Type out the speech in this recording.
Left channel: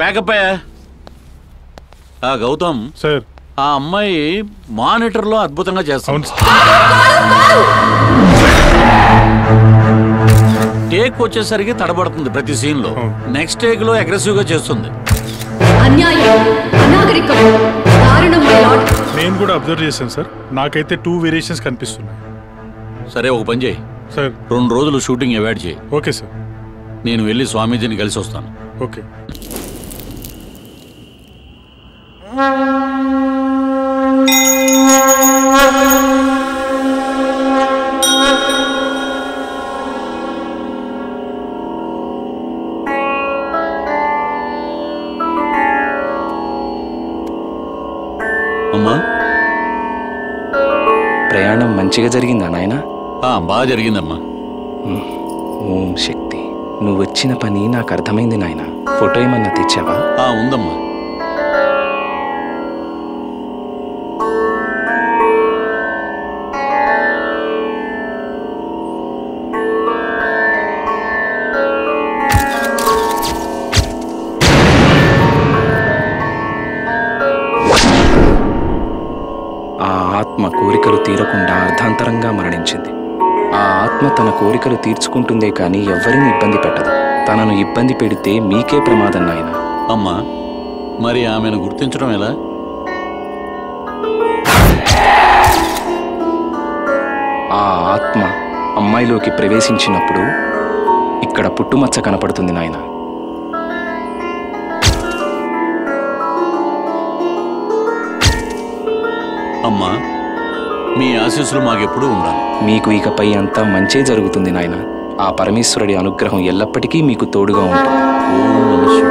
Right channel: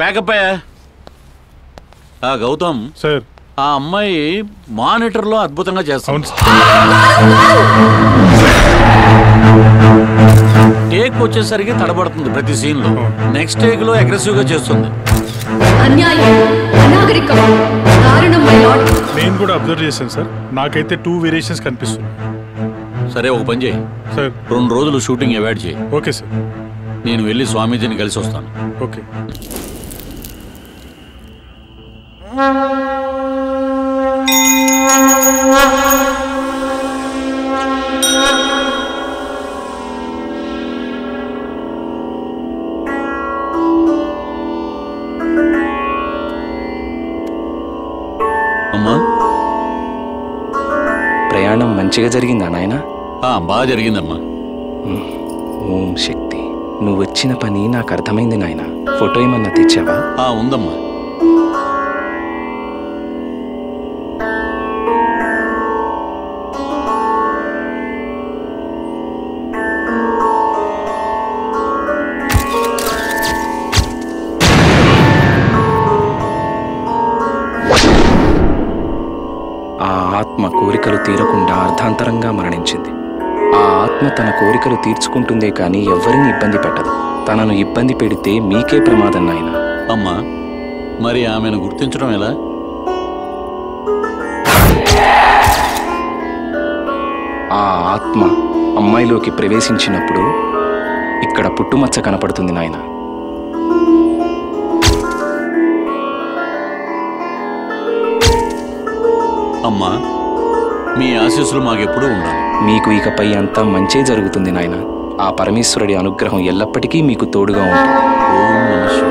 Pack up అయ్యా. Gautam sir, ఆ అమ్మాయి మానిటర్ లో అద్భుతంగా చేస్తుంది. టేక్ వచ్చేసరికి తడబడుతుంది ప్రతి సీన్ లో. నెక్స్ట్ టేక్ లో అగ్రెసివ్ గా చేస్తుంది. అన్యాయం, అనాగరికం, దారుణం మై లార్డ్. నేను కూడా అబ్జర్వ్ చేశాను సార్. నాకైతే 2 వేరియేషన్స్ కనిపిస్తున్నాయి. సరే, ఒక పని చేయి సార్. 2 రోజులు షూటింగ్ అవాయిడ్ చేయి. Okay sir. నేను వెళ్ళి స్వామీజీని కలిసి వస్తాను. ఓకే. అమ్మా, ప్రయాణం మంచిగా జరిగిందా నాయన? బాగా జరిగిందమ్మా. ఓం శక్తి. నువ్వు వచ్చిన పని నాకు అర్థమైంది నాయన. ఫోటో ఏమన్నా తెచ్చావా? ఉందమ్మా. ఆ ఆత్మ కోరికలు తీరకుండా అర్ధాంతరంగా మరణించింది. ఆ ఆత్మ తన కోరికలు తీర్చుకుంటుందే కానీ ఎవ్వరిని ఇబ్బంది పెట్టదు. తనను ఇబ్బంది పెడితే మీకే ప్రమాదం నాయన. అమ్మా, మరి ఆమెను గుర్తించడం ఎలా? ఆ ఆత్మ అమ్మాయిలోకి ప్రవేశించినప్పుడు ఇక్కడ పుట్టుమచ్చ కనపడుతుంది నాయన. అమ్మా, మీ ఆశీస్సులు మాకెప్పుడూ ఉండాలి. మీకు ఇకపై అంతా మంచే జరుగుతుంది నాయన. ఆ పరమేశ్వరుడి అనుగ్రహం ఎల్లప్పటికీ మీకు తోడుగా ఉంటుంది. ఓం